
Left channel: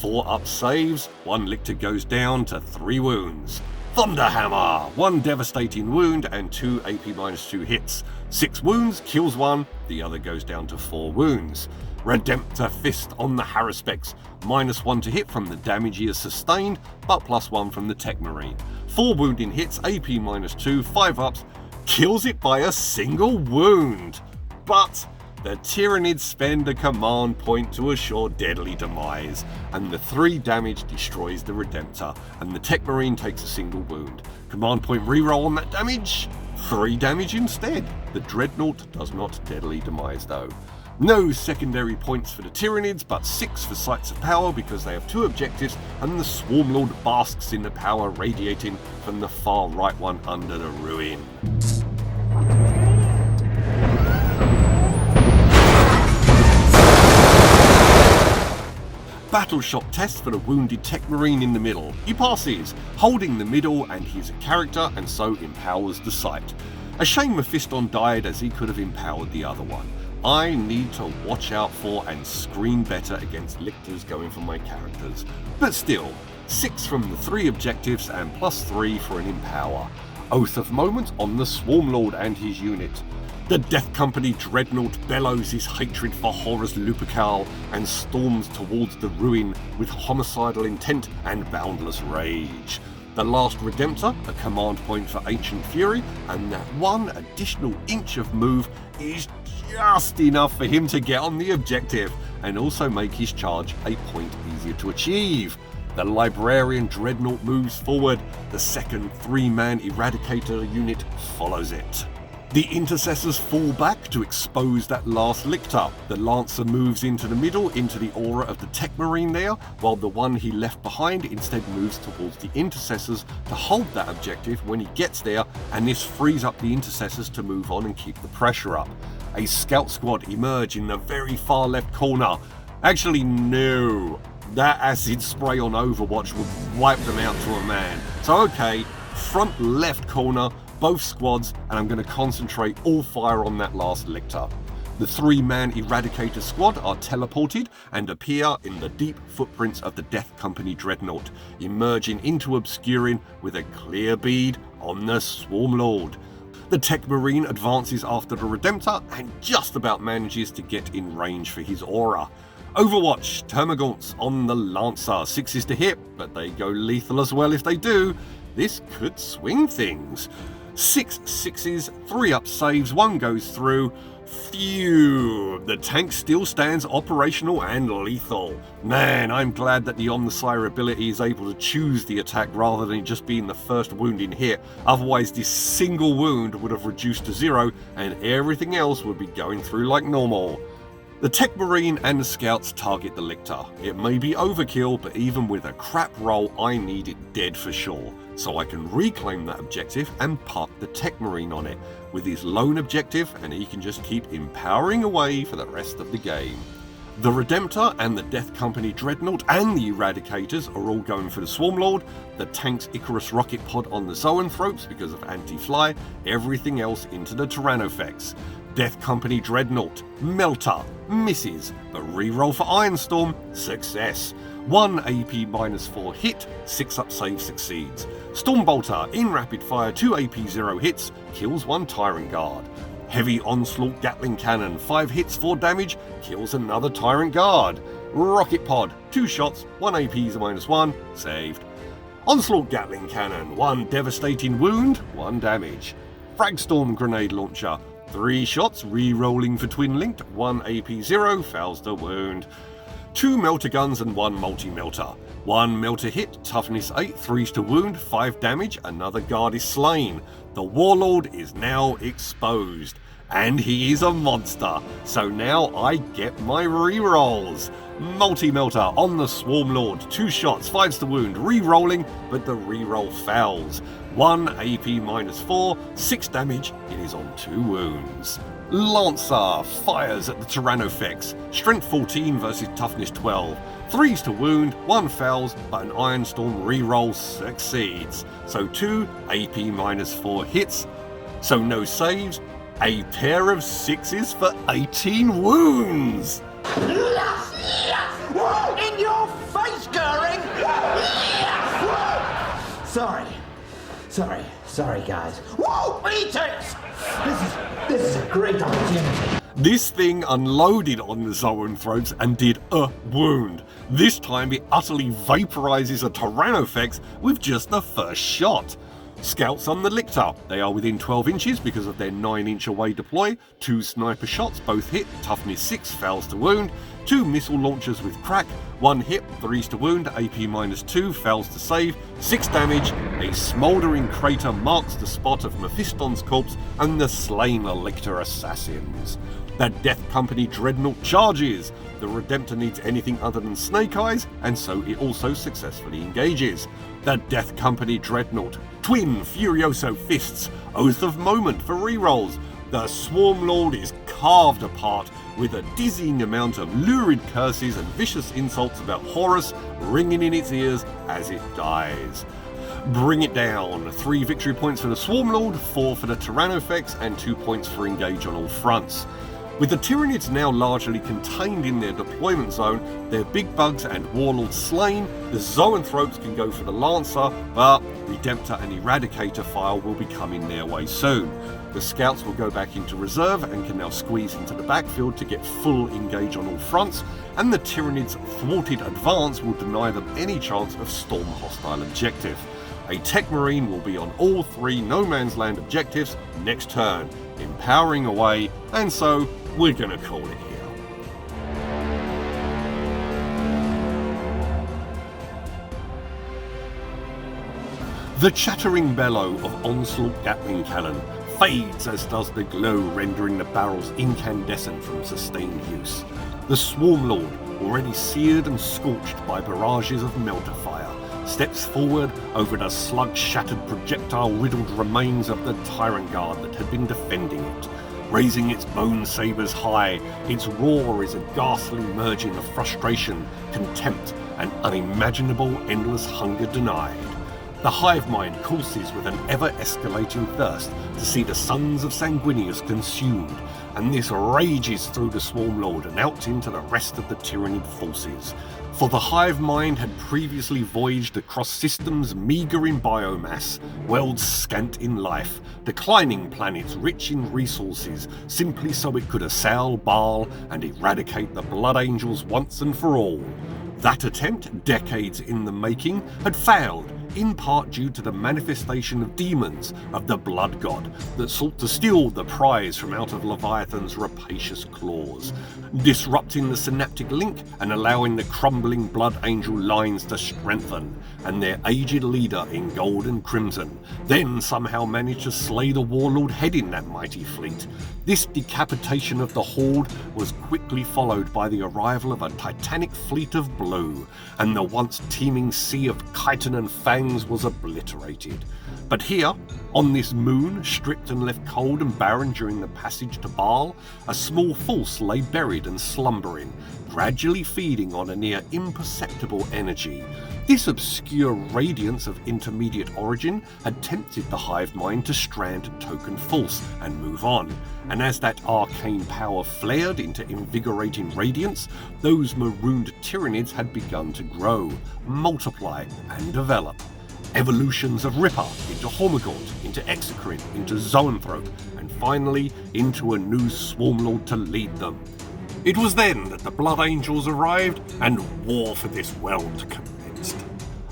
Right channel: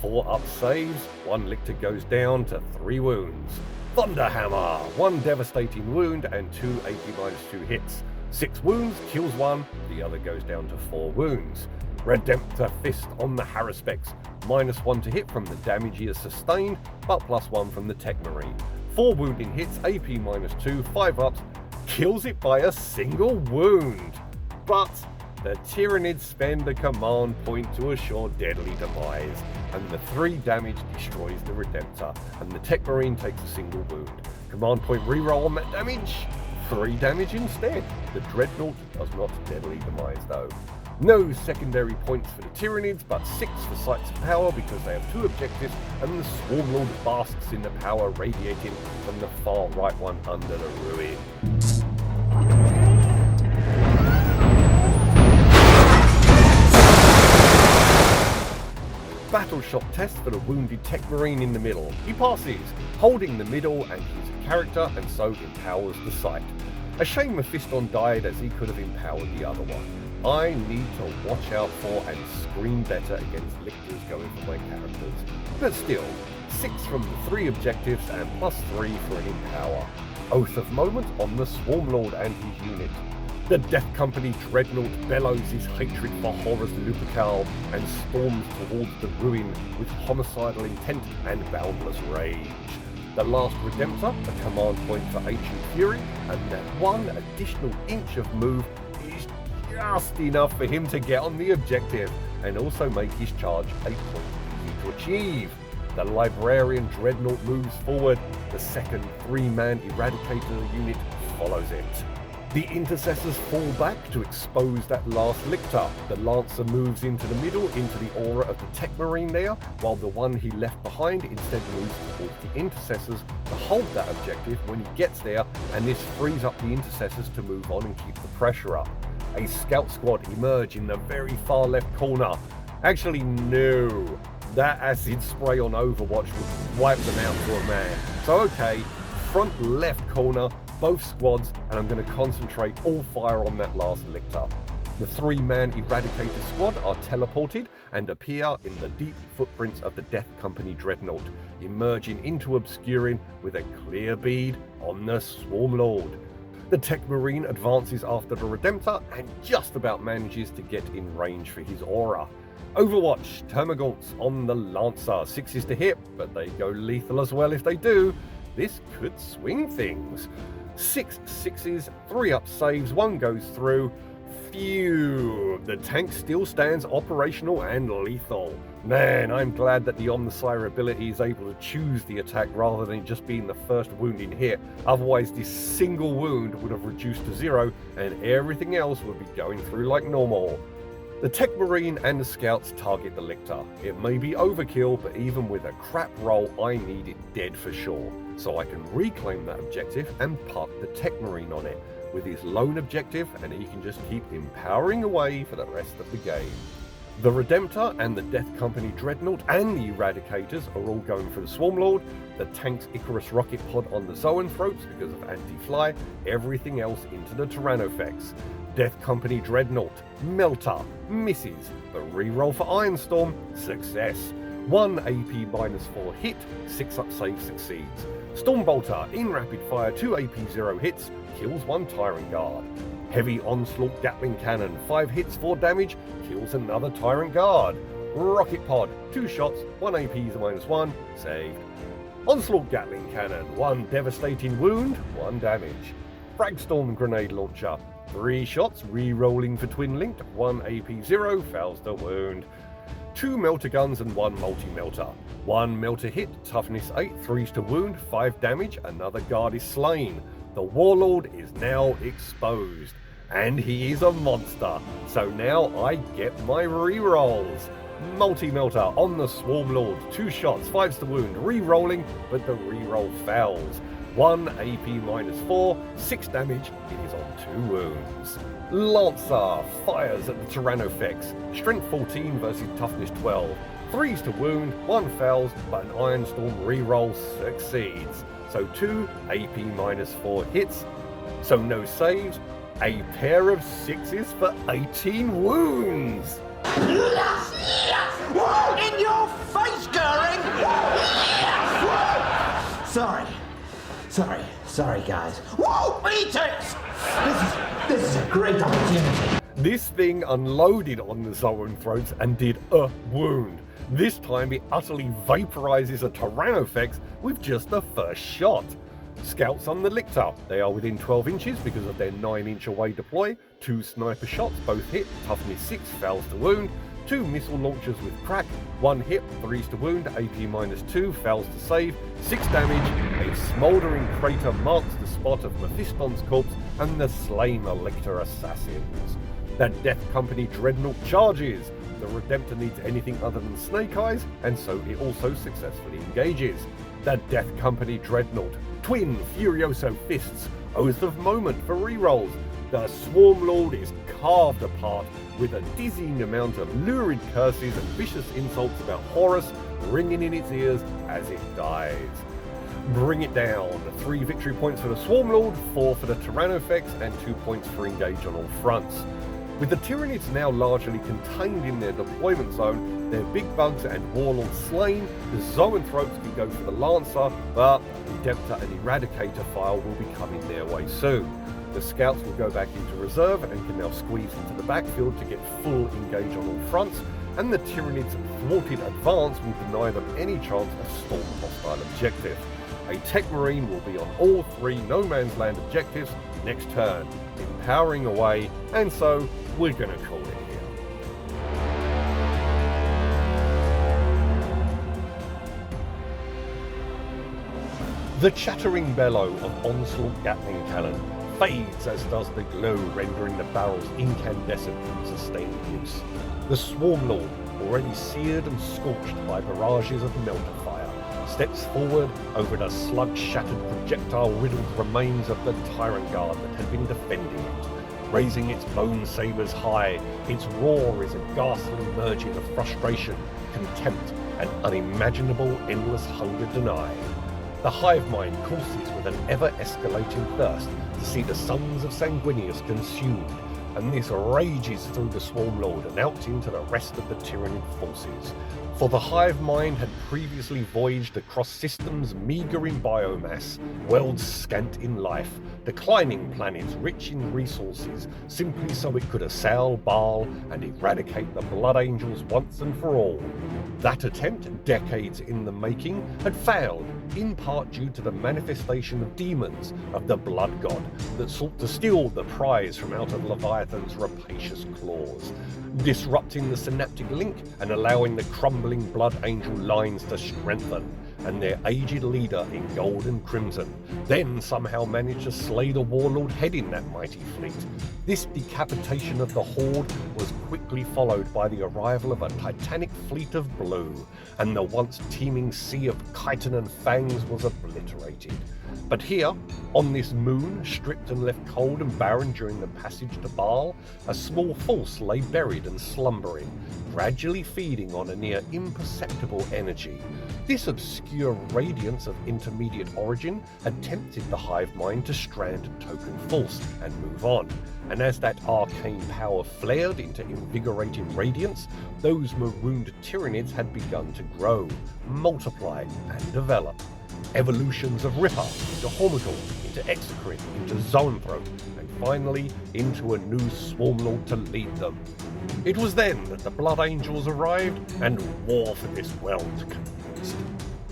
4 up saves, 1 Lictor goes down to 3 wounds. Thunderhammer, 1 devastating wound and 2 AP-2 hits. 6 wounds, kills 1, the other goes down to 4 wounds. Redemptor Fist on the Haruspex, -1 to hit from the damage he has sustained, but +1 from the Tech Marine. 4 wounding hits, AP-2, 5 ups, kills it by a single wound. But the Tyranids spend a command point to assure deadly demise, and the 3 damage destroys the Redemptor, and the Tech Marine takes a single wound. Command point reroll on that damage, 3 damage instead. The Dreadnought does not deadly demise though. No secondary points for the Tyranids, but 6 for Sites of Power because they have 2 objectives, and the Swarmlord basks in the power radiating from the far right one under the ruin. battle shot test for the wounded tech marine in the middle. He passes, holding the middle, and he's a character and so empowers the site. A shame Mephiston died, as he could have empowered the other one. I need to watch out for and screen better against lictors going for my characters. But still, 6 from the 3 objectives and +3 for an empower. Oath of Moment on the Swarmlord and his unit. The Death Company Dreadnought bellows his hatred for Horror's Lupercal and storms towards the ruin with homicidal intent and boundless rage. The last Redemptor, a command point for Ancient Fury, and that 1 additional inch of move is just enough for him to get on the objective and also make his charge a point easier to achieve. The Librarian Dreadnought moves forward, the second 3-man Eradicator unit follows it. The Intercessors fall back to expose that last Lictor. The Lancer moves into the middle, into the aura of the Tech Marine there, while the one he left behind instead moves towards the Intercessors to hold that objective when he gets there, and this frees up the Intercessors to move on and keep the pressure up. A Scout Squad emerge in the very far left corner. Actually, no. That acid spray on Overwatch would wipe them out to a man. So okay, front left corner, both squads, and I'm going to concentrate all fire on that last Lictor. The 3-man Eradicator squad are teleported and appear in the deep footprints of the Death Company Dreadnought, emerging into Obscuring with a clear bead on the Swarmlord. The Tech Marine advances after the Redemptor and just about manages to get in range for his aura. Overwatch, Termagants on the Lancer, 6s to hit, but they go lethal as well if they do. This could swing things. 6 6s, 3 up saves, 1 goes through. Phew, the tank still stands operational and lethal. Man, I'm glad that the Omnisire ability is able to choose the attack rather than just being the first wounding hit. Otherwise this single wound would have reduced to 0 and everything else would be going through like normal. The Tech Marine and the Scouts target the Lictor. It may be overkill, but even with a crap roll, I need it dead for sure, so I can reclaim that objective and park the Tech Marine on it with his lone objective, and he can just keep empowering away for the rest of the game. The Redemptor and the Death Company Dreadnought and the Eradicators are all going for the Swarmlord, the tank's Icarus rocket pod on the Zoanthropes because of anti-fly, everything else into the Tyrannofex. Death Company Dreadnought, Melter, misses, but reroll for Ironstorm, success. 1 AP -4 hit, 6 up save succeeds. Stormbolter, in rapid fire, 2 AP 0 hits, kills 1 Tyrant Guard. Heavy Onslaught Gatling Cannon, 5 hits 4 damage, kills another Tyrant Guard. Rocket Pod, 2 shots, 1 AP -1, saved. Onslaught Gatling Cannon, 1 devastating wound, 1 damage. Fragstorm Grenade Launcher, 3 shots, re-rolling for Twin Linked, 1 AP 0, fails the wound. 2 Melter Guns and 1 Multi-Melter. 1 Melter hit, toughness 8, 3s to wound, 5 damage, another guard is slain. The Warlord is now exposed. And he is a monster, so now I get my re-rolls. Multi-Melter on the Swarmlord, 2 shots, 5s to wound, re-rolling, but the re-roll fails. 1 AP -4, 6 damage, it is on 2 wounds. Lancer fires at the Tyrannofex, strength 14 versus toughness 12. 3s to wound, 1 fails, but an Ironstorm re-roll succeeds. So 2 AP -4 hits, so no saves, a pair of 6s for 18 wounds. In your face, Goering! Sorry, guys. Whoa, eat it! This is a great opportunity. This thing unloaded on the Zoanthropes and did a wound. This time it utterly vaporizes a Tyrannofex with just the first shot. Scouts on the Lictor. They are within 12 inches because of their 9-inch away deploy. 2 sniper shots, both hit, toughness 6, fails to wound. 2 missile launchers with crack, 1 hit, 3s to wound, AP -2, fails to save, 6 damage. A smouldering crater marks the spot of Mephiston's corpse and the slain Lictor assassins. The Death Company Dreadnought charges. The Redemptor needs anything other than snake eyes, and so it also successfully engages. The Death Company Dreadnought, twin Furioso Fists, Oath of Moment for rerolls. the Swarmlord is carved apart with a dizzying amount of lurid curses and vicious insults about Horus ringing in its ears as it dies. Bring it down. 3 victory points for the Swarmlord, 4 for the Tyrannofex, and 2 points for engage on all fronts. With the Tyranids now largely contained in their deployment zone, their big bugs and warlords slain, the Zoanthropes can go for the Lancer, but Redemptor and Eradicator file will be coming their way soon. The Scouts will go back into reserve and can now squeeze into the backfield to get full engage on all fronts, and the Tyranids' thwarted advance will deny them any chance of storm hostile objective. A Tech Marine will be on all 3 No Man's Land objectives next turn, empowering away, and so we're gonna call it here. The chattering bellow of Onslaught Gatling Cannon fades as does the glow, rendering the barrels incandescent from sustained use. The Swarmlord, already seared and scorched by barrages of melter fire, steps forward over the slug-shattered projectile-riddled remains of the Tyrant Guard that had been defending it. Raising its bone sabers high, its roar is a ghastly merging of frustration, contempt, and unimaginable endless hunger denied. The hive mind courses with an ever-escalating thirst to see the sons of Sanguinius consumed, and this rages through the Swarmlord and out into the rest of the Tyranid forces. For the hive mind had previously voyaged across systems meagre in biomass, worlds scant in life, declining planets rich in resources, simply so it could assail Baal and eradicate the Blood Angels once and for all. That attempt, decades in the making, had failed, in part due to the manifestation of demons of the Blood God that sought to steal the prize from out of Leviathan's rapacious claws, disrupting the synaptic link and allowing the crumbling Blood Angel lines to strengthen, and their aged leader in gold and crimson then somehow managed to slay the warlord heading that mighty fleet. This decapitation of the Horde was quickly followed by the arrival of a titanic fleet of blue, and the once teeming sea of chitin and fangs was obliterated. But here, on this moon, stripped and left cold and barren during the passage to Baal, a small force lay buried and slumbering, gradually feeding on a near imperceptible energy. This obscure radiance of intermediate origin had tempted the hive mind to strand Token False and move on, and as that arcane power flared into invigorating radiance, those marooned Tyranids had begun to grow, multiply, and develop. Evolutions of Ripper into Hormigaunt, into Exocrine, into Zoanthrope, and finally into a new Swarmlord to lead them. It was then that the Blood Angels arrived and war for this world commenced.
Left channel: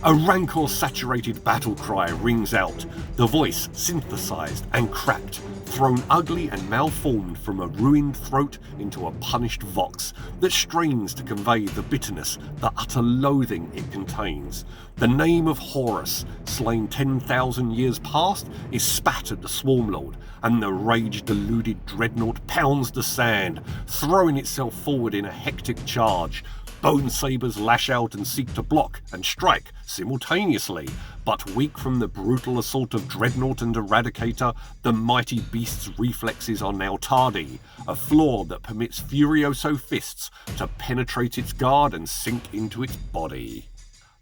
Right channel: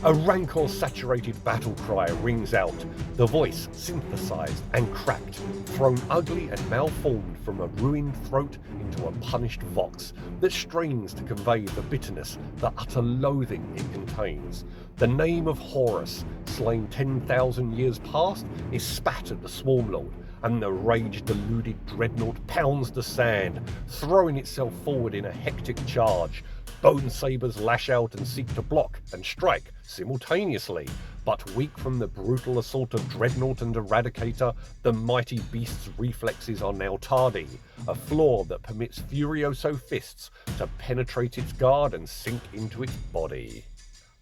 A rancor-saturated battle cry rings out, the voice synthesized and cracked, thrown ugly and malformed from a ruined throat into a punished vox that strains to convey the bitterness, the utter loathing it contains. The name of Horus, slain 10,000 years past, is spat at the Swarmlord, and the rage-deluded dreadnought pounds the sand, throwing itself forward in a hectic charge. Bone sabers lash out and seek to block and strike simultaneously, but weak from the brutal assault of Dreadnought and Eradicator, the mighty beast's reflexes are now tardy, a flaw that permits Furioso fists to penetrate its guard and sink into its body.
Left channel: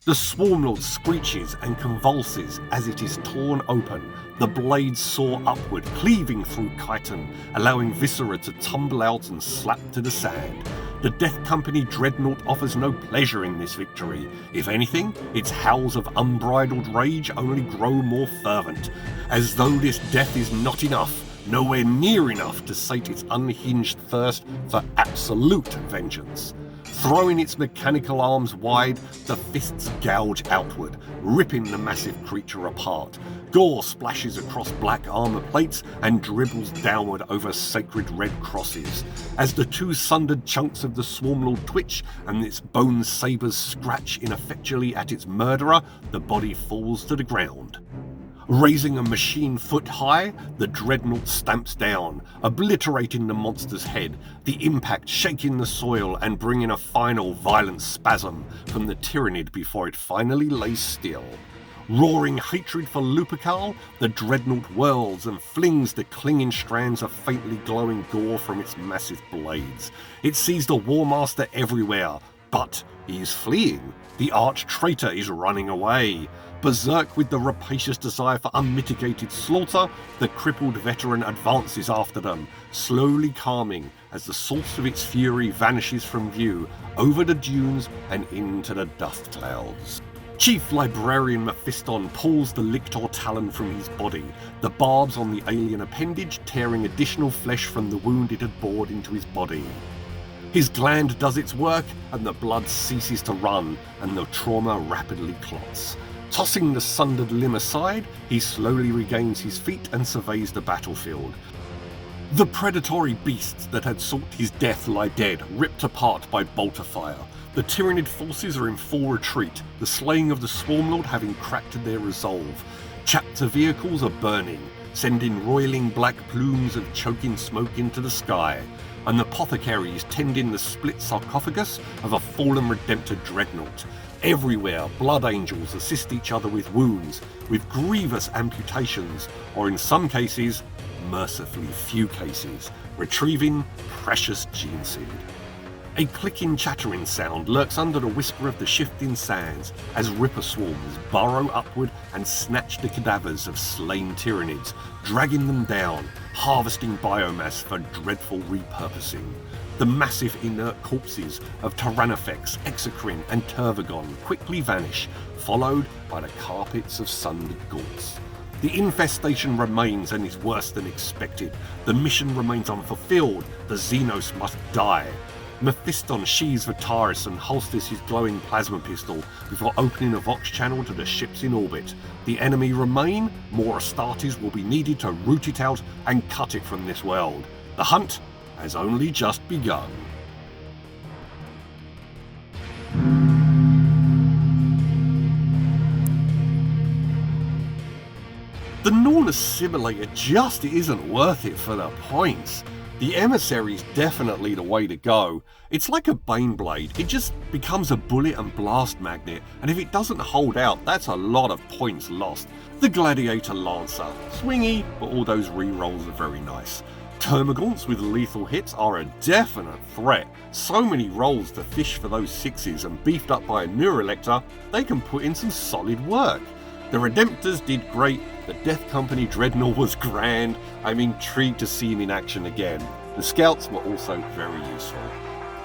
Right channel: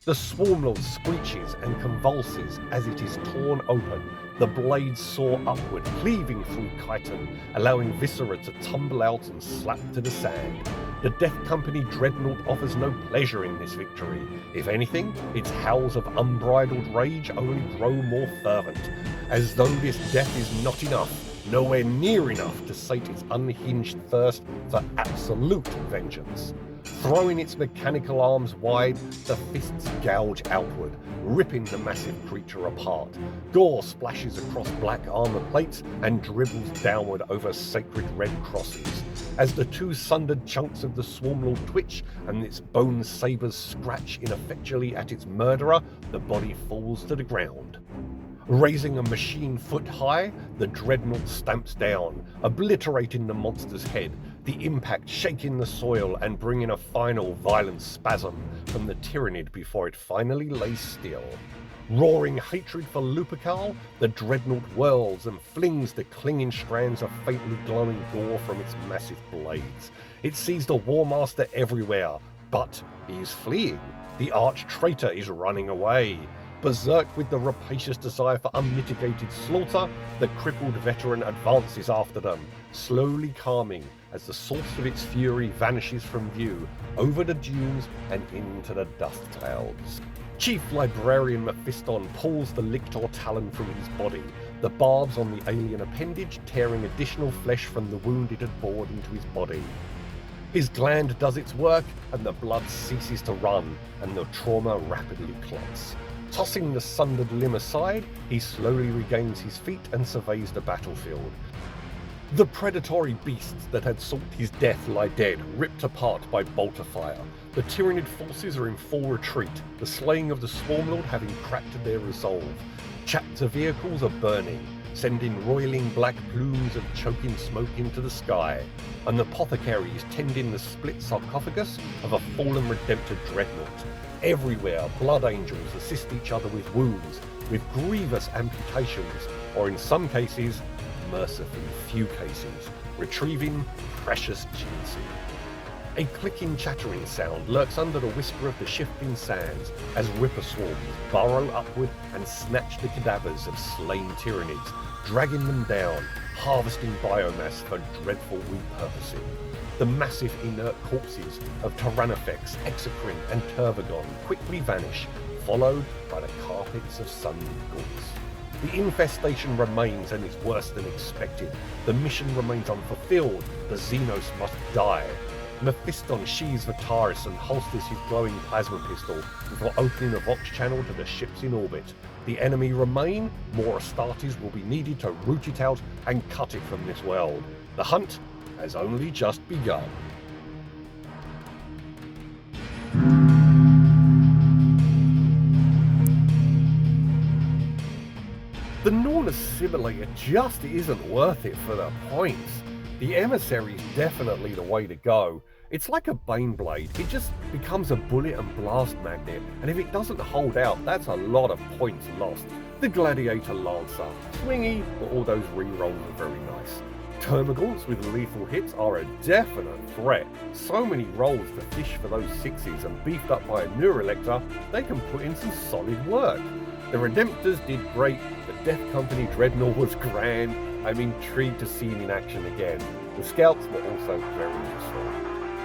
The Swarmlord screeches and convulses as it is torn open. The blades soar upward, cleaving through chitin, allowing viscera to tumble out and slap to the sand. The Death Company Dreadnought offers no pleasure in this victory. If anything, its howls of unbridled rage only grow more fervent, as though this death is not enough, nowhere near enough to sate its unhinged thirst for absolute vengeance. Throwing its mechanical arms wide, the fists gouge outward, ripping the massive creature apart. Gore splashes across black armor plates and dribbles downward over sacred red crosses. As the two sundered chunks of the Swarmlord twitch and its bone sabers scratch ineffectually at its murderer, the body falls to the ground. Raising a machine foot high, the Dreadnought stamps down, obliterating the monster's head, the impact shaking the soil and bringing a final violent spasm from the Tyranid before it finally lays still. Roaring hatred for Lupercal, the dreadnought whirls and flings the clinging strands of faintly glowing gore from its massive blades. It sees the Warmaster everywhere, but he is fleeing. The arch-traitor is running away. Berserk with the rapacious desire for unmitigated slaughter, the crippled veteran advances after them, slowly calming as the source of its fury vanishes from view, over the dunes and into the dust clouds. Chief Librarian Mephiston pulls the lictor talon from his body, the barbs on the alien appendage tearing additional flesh from the wound it had bored into his body. His gland does its work, and the blood ceases to run, and the trauma rapidly clots. Tossing the sundered limb aside, he slowly regains his feet and surveys the battlefield. The predatory beasts that had sought his death lie dead, ripped apart by bolter fire. The Tyranid forces are in full retreat, the slaying of the Swarmlord having cracked their resolve. Chapter vehicles are burning, sending roiling black plumes of choking smoke into the sky, and the apothecaries tending the split sarcophagus of a fallen Redemptor dreadnought. Everywhere, blood angels assist each other with wounds, with grievous amputations, or in some cases, mercifully few cases, retrieving precious gene seed. A clicking, chattering sound lurks under the whisper of the shifting sands as Ripper swarms burrow upward and snatch the cadavers of slain Tyranids, dragging them down, harvesting biomass for dreadful repurposing. The massive inert corpses of Tyrannofex, Exocrine and Turvagon quickly vanish, followed by the carpets of sundered gorts. The infestation remains and is worse than expected. The mission remains unfulfilled. The Xenos must die. Mephiston sheathes Vitaris and holsters his glowing plasma pistol before opening a Vox channel to the ships in orbit. The enemy remain, more Astartes will be needed to root it out and cut it from this world. The hunt has only just begun. The Norn Assimilator just isn't worth it for the points. The Emissary's definitely the way to go. It's like a Baneblade, it just becomes a bullet and blast magnet, and if it doesn't hold out, that's a lot of points lost. The Gladiator Lancer, swingy, but all those rerolls are very nice. Termagants with lethal hits are a definite threat. So many rolls to fish for those sixes, and beefed up by a Neurolector, they can put in some solid work. The Redemptors did great, the Death Company Dreadnought was grand. I'm intrigued to see him in action again. The Scouts were also very useful.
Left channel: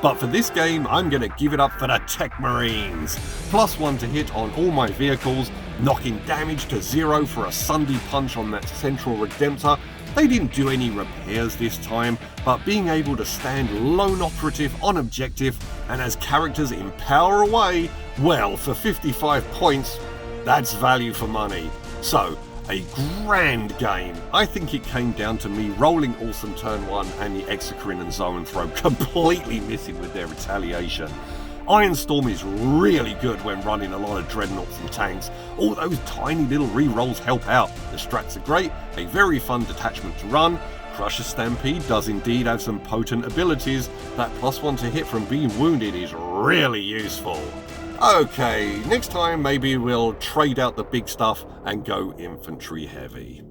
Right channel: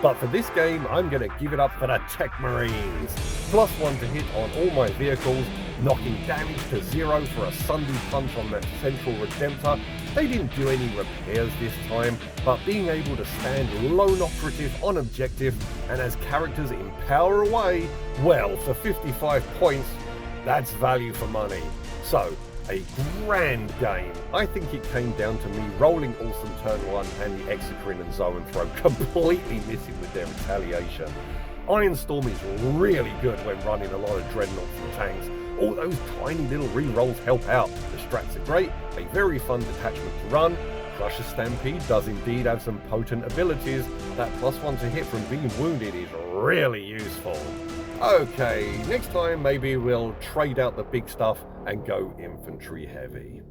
But for this game, I'm going to give it up for the Tech Marines. +1 to hit on all my vehicles, knocking damage to 0 for a Sunday punch on that Central Redemptor. They didn't do any repairs this time, but being able to stand lone operative on objective and as characters empower away, well, for 55 points, that's value for money. So, a grand game. I think it came down to me rolling awesome turn 1 and the Exocrine and Zone Throw completely missing with their retaliation. Ironstorm is really good when running a lot of dreadnoughts and tanks. All those tiny little rerolls help out. The strats are great, a very fun detachment to run. Crusher Stampede does indeed have some potent abilities. That +1 to hit from being wounded is really useful. Okay, next time maybe we'll trade out the big stuff and go infantry heavy.